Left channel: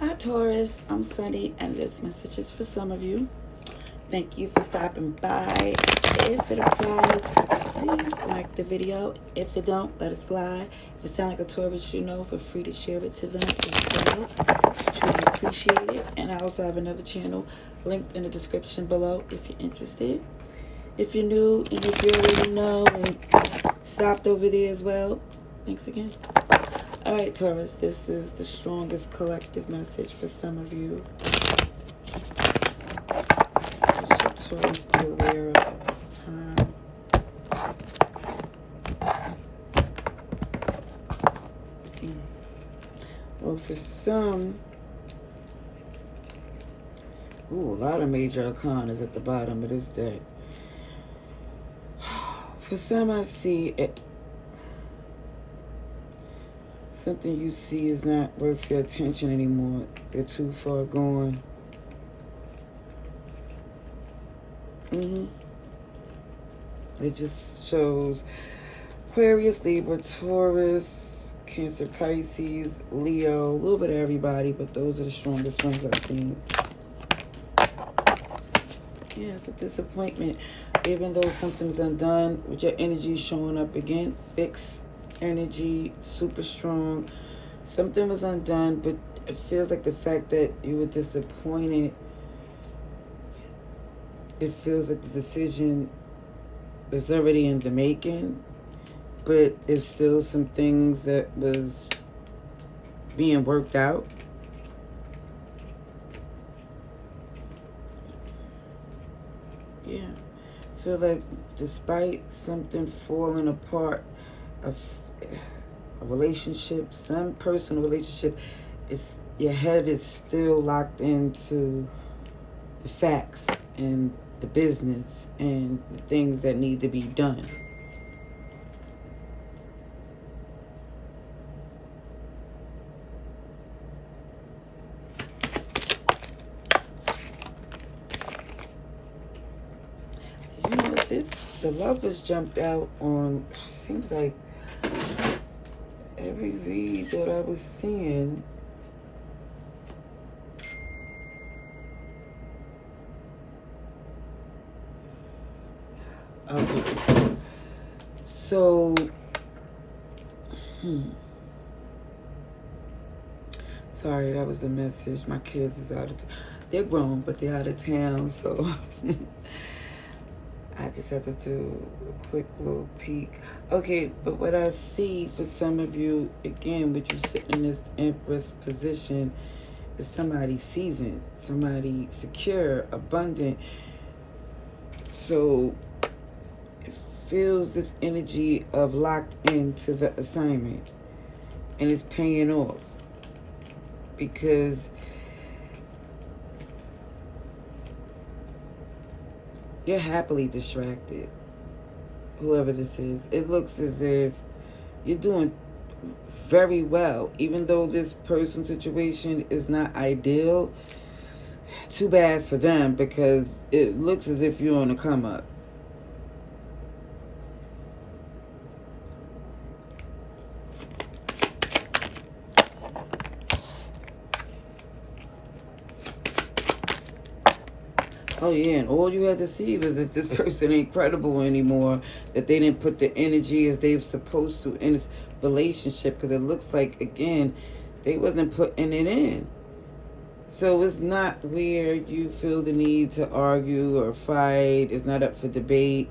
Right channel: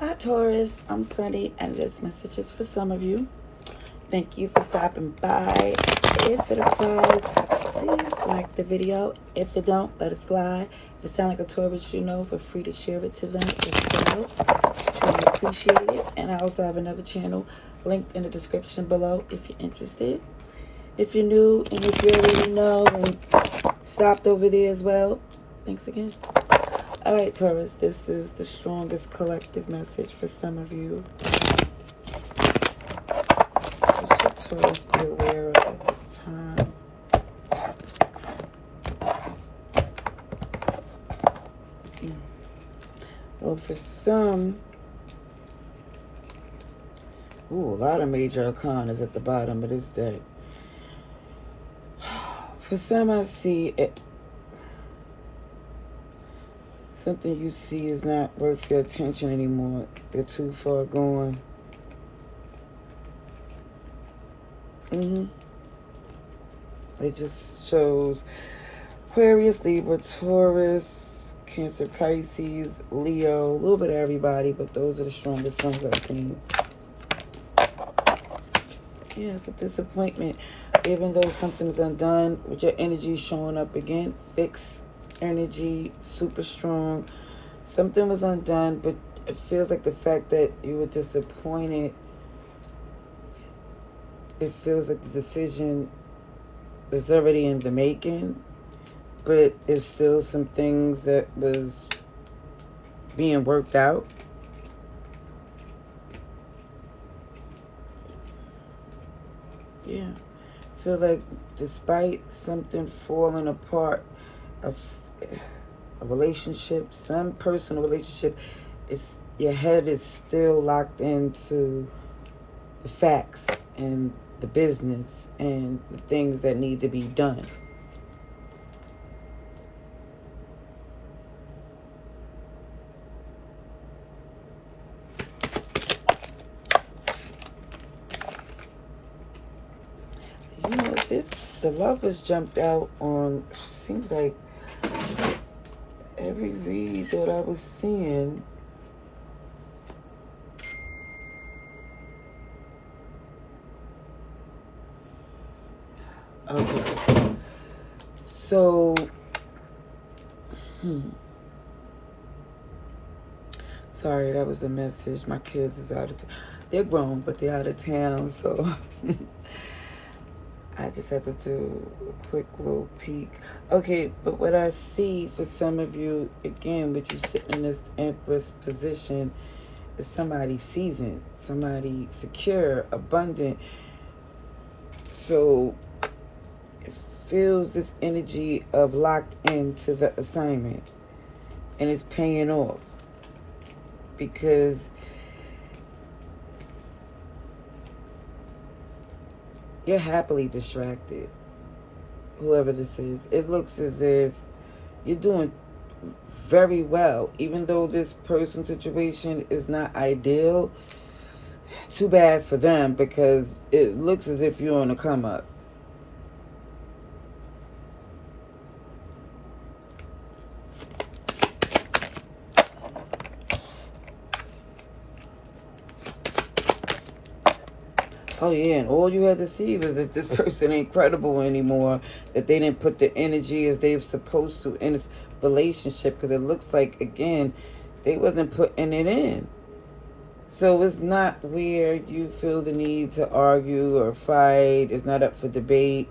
Hi Taurus, I'm Sunny and this message is for some of you. Thank you for stopping by. If it applies, please like the video. If it don't, let it fly. If it sounds like a Taurus you know, feel free to share it to them as well. Truly appreciate it. And I also have another channel linked in the description below if you're interested. If you're new and if you already know and stopped over there as well, thanks again. All right, Taurus, this is the strongest collective message for some of you. What should Taurus be aware of at this time? Well, for some, a lot of major arcanas at the bottom of this deck. For some, I see it. Something you see is not worth your attention anymore. They're too far gone. It just shows Aquarius, Libra, Taurus, Cancer, Pisces, Leo, a little bit of everybody, but those are the strongest ones I've seen. Yeah, it's a disappointment. Even though something's undone, with your energy showing up again, fixed energy, super strong. Something was undone, but it feels like the fact that you were disappointed, it feels like the decision was already in the making, but there's still some things that was being worked out. Yeah. I feel like despite something falling apart, a relationship, some personal relationship, it's your head is still locked into the facts and the business and the things that need to be done. You know, the lovers jumped out on, seems like every read that I was seeing. Okay. So, sorry, that was the message. My kids is out of town. They're grown, but they're out of town, so I just had to do a quick little peek. Okay, but what I see for some of you, again, with you sitting in this Empress position, is somebody seasoned, somebody secure, abundant. So it feels this energy of locked into the assignment, and it's paying off because you're happily distracted, whoever this is. It looks as if you're doing very well, even though this person situation is not ideal. Too bad for them, because it looks as if you're on a come up. Oh yeah, and all you had to see was that this person ain't credible anymore, that they didn't put the energy as they were supposed to in this relationship, because it looks like, again, they wasn't putting it in. So it's not where you feel the need to argue or fight. It's not up for debate.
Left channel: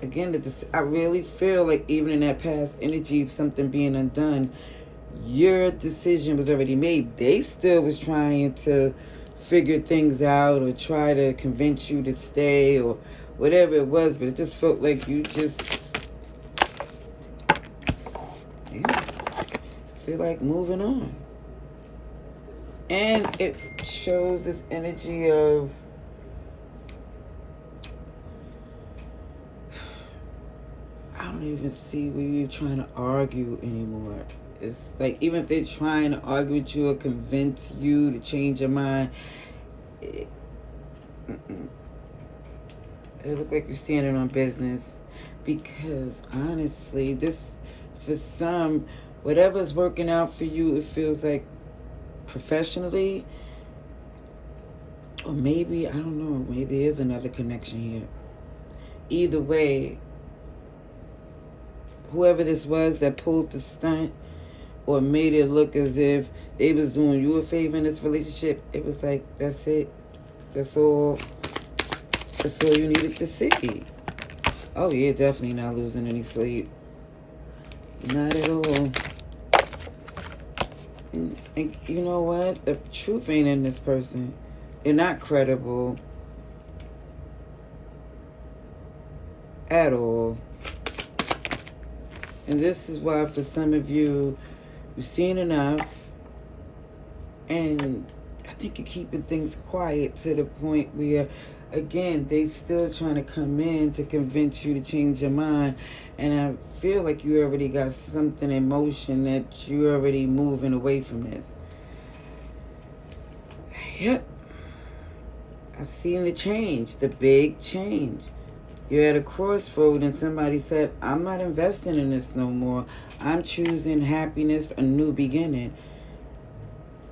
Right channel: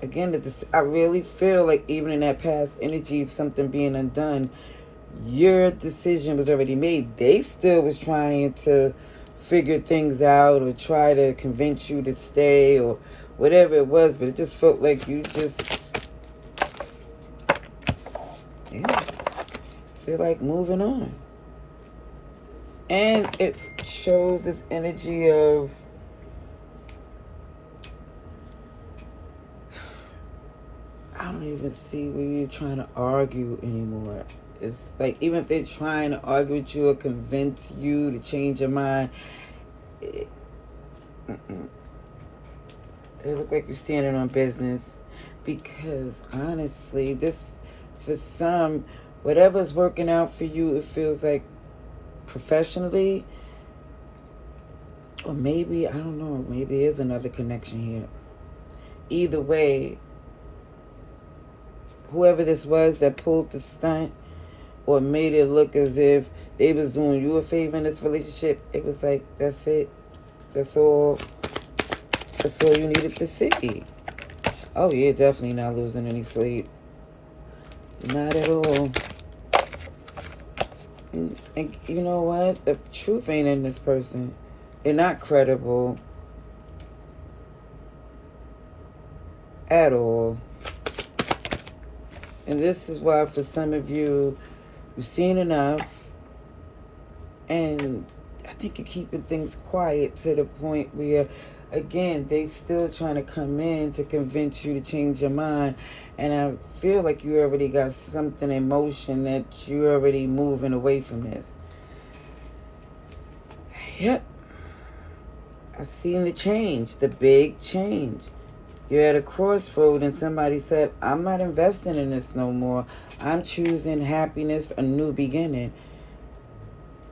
Again, I really feel like even in that past energy of something being undone, your decision was already made. They still was trying to figure things out or try to convince you to stay or whatever it was, but it just felt like you just, yeah, feel like moving on. And it shows this energy of, I don't even see where you're trying to argue anymore. It's like, even if they're trying to argue with you or convince you to change your mind, it look like you're standing on business. Because honestly, this, for some, whatever's working out for you, it feels like professionally, or maybe, I don't know, maybe there's another connection here. Either way, whoever this was that pulled the stunt or made it look as if they was doing you a favor in this relationship, it was like, that's it. That's all you needed to see. Oh yeah, definitely not losing any sleep. Not at all. And you know what? The truth ain't in this person. They're not credible at all. And this is why for some of you, you've seen enough, and I think you're keeping things quiet to the point where, again, they still trying to come in to convince you to change your mind. And I feel like you already got something in motion that you're already moving away from this. Yep. I seen the change, the big change. You're at a crossroad and somebody said, I'm not investing in this no more. I'm choosing happiness, a new beginning.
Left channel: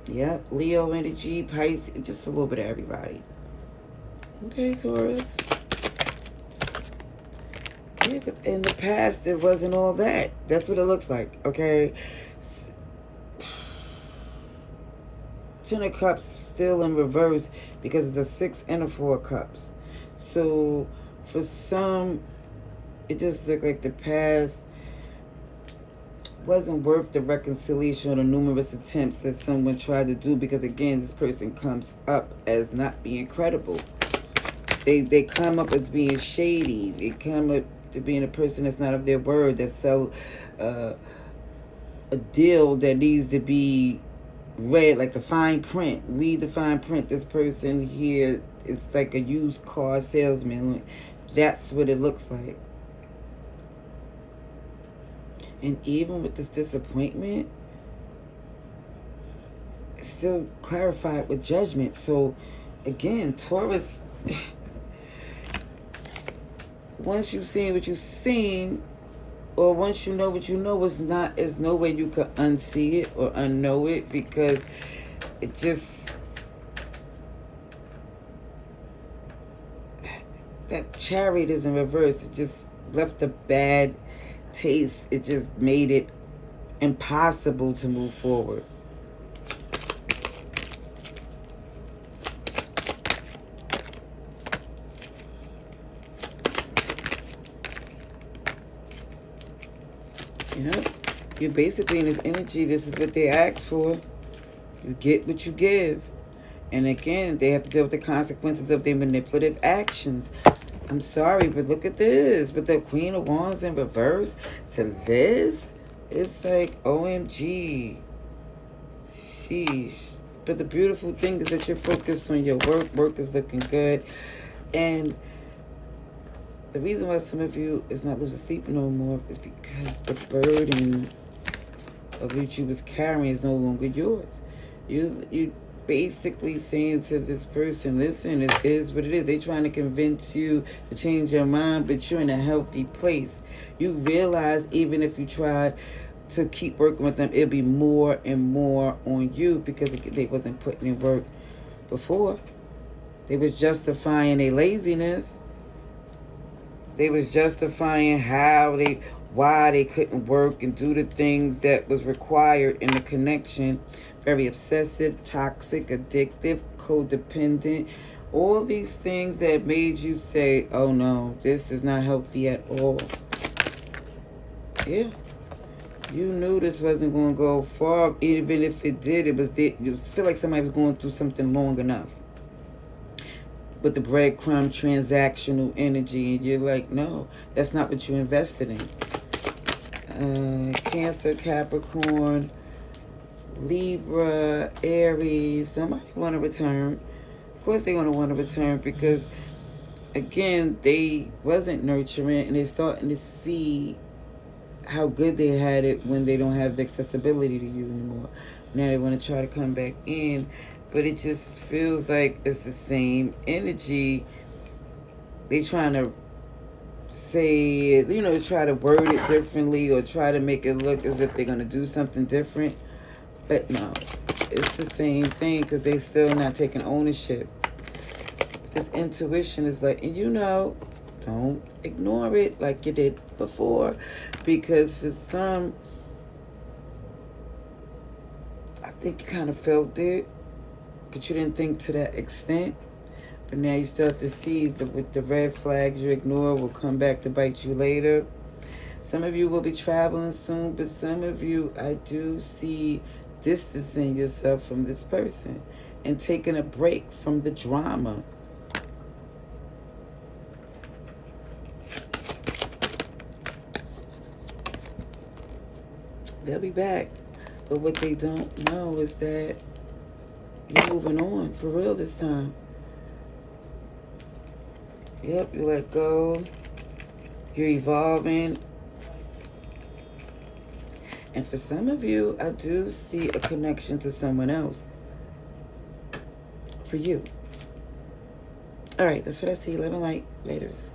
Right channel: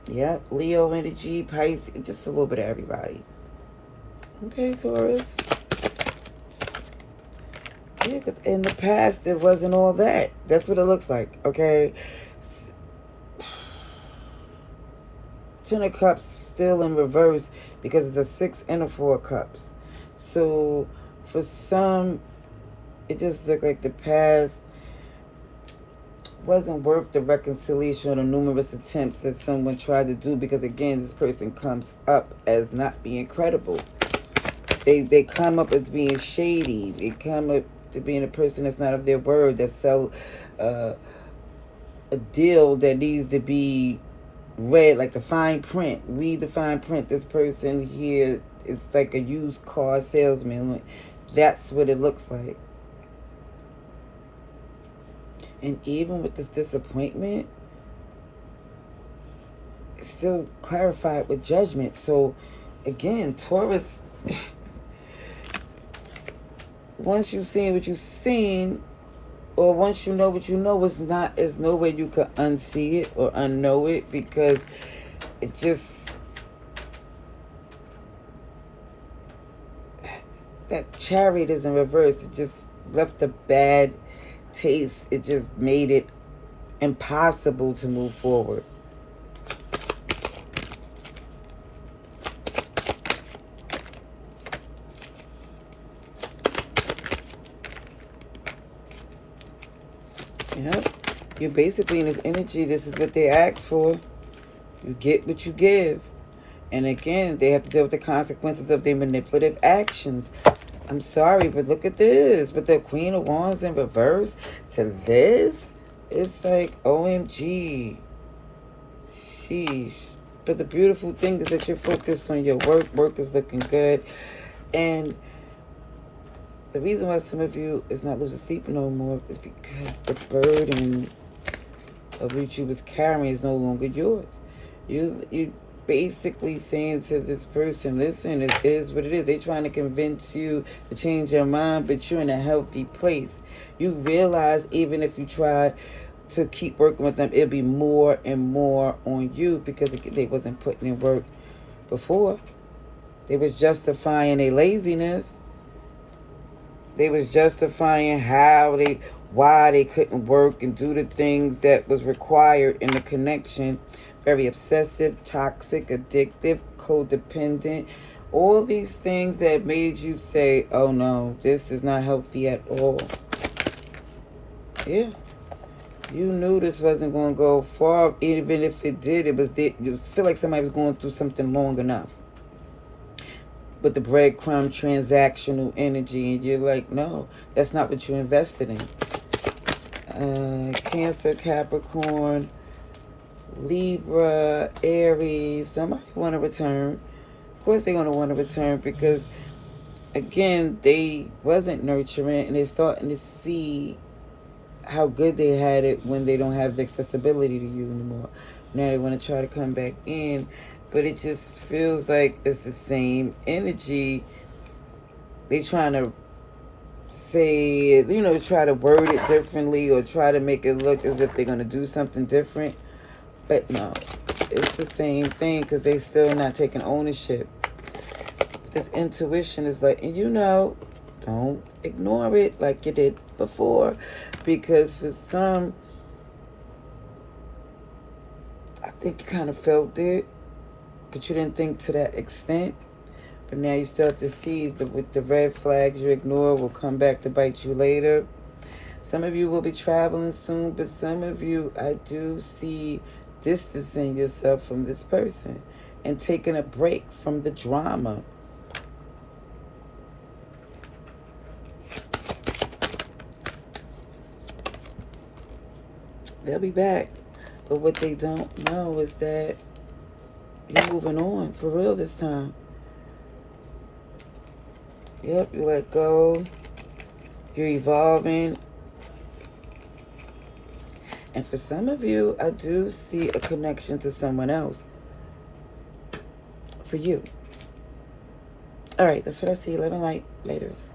Yep, Leo energy, Pisces, just a little bit of everybody. Okay, Taurus. Yeah, because in the past, it wasn't all that. That's what it looks like, okay? Ten of Cups still in reverse because it's a 6 and a 4 cups. So for some, it just looked like the past wasn't worth the reconciliation or the numerous attempts that someone tried to do, because again, this person comes up as not being credible. They come up as being shady. They come up to being a person that's not of their word, that sell a deal that needs to be read, like the fine print. Read the fine print. This person here is like a used car salesman. That's what it looks like. And even with this disappointment, it's still clarified with judgment. So again, Taurus, once you've seen what you've seen, or once you know what you know, there's no way you could unsee it or unknow it, because it just, that chariot is in reverse. It just left a bad taste. It just made it impossible to move forward. Yep. You're basically in this energy. This is what they ask for. You get what you give. And again, they have to deal with the consequences of their manipulative actions. I'm sorry, but look at this. But the Queen of Wands in reverse to this, it's like, OMG. Sheesh. But the beautiful thing is that you're focused on your work. Work is looking good. And the reason why some of you is not losing sleep no more is because the burden of which you was carrying is no longer yours. You basically saying to this person, listen, it is what it is. They trying to convince you to change your mind, but you're in a healthy place. You realize even if you try to keep working with them, it'll be more and more on you, because they wasn't putting in work before. They was justifying their laziness. They was justifying why they couldn't work and do the things that was required in the connection. Very obsessive, toxic, addictive, codependent. All these things that made you say, oh no, this is not healthy at all. Yeah. You knew this wasn't going to go far. Even if it did, you feel like somebody was going through something long enough. With the breadcrumb transactional energy, and you're like, no, that's not what you invested in. Cancer, Capricorn, Libra, Aries. Somebody want to return. Of course they want to return, because again, they wasn't nurturing, and they're starting to see how good they had it when they don't have the accessibility to you anymore. Now they want to try to come back in, but it just feels like it's the same energy. They trying to say, try to word it differently, or try to make it look as if they're going to do something different. But no, it's the same thing because they still not taking ownership. This intuition is like, and you know, don't ignore it like you did before, because for some, I think you kind of felt it, but you didn't think to that extent. But now you start to see that with the red flags you ignore will come back to bite you later. Some of you will be traveling soon, but some of you, I do see distancing yourself from this person and taking a break from the drama. They'll be back. But what they don't know is that you're moving on for real this time. Yep, you let go. You're evolving. And for some of you, I do see a connection to someone else. For you. All right, that's what I see. Love and light. Laters.